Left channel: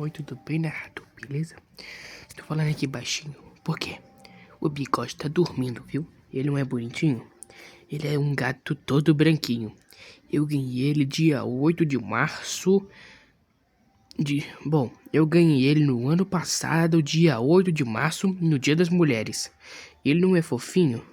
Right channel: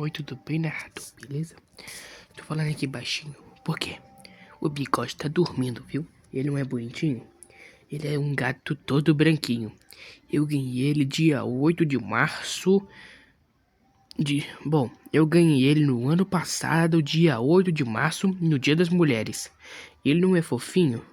Oi, tudo bem, narrador? Beleza? Estou falando aqui baixinho. Por quê? O Bigode tá dormindo, viu? Ele não é bonitinho? Ele é um gato todo branquinho. Eu ganhei ele dia 8 de março Bom, eu ganhei ele no ano passado, dia 8 de março, no Dia das Mulheres. Ele não é fofinho?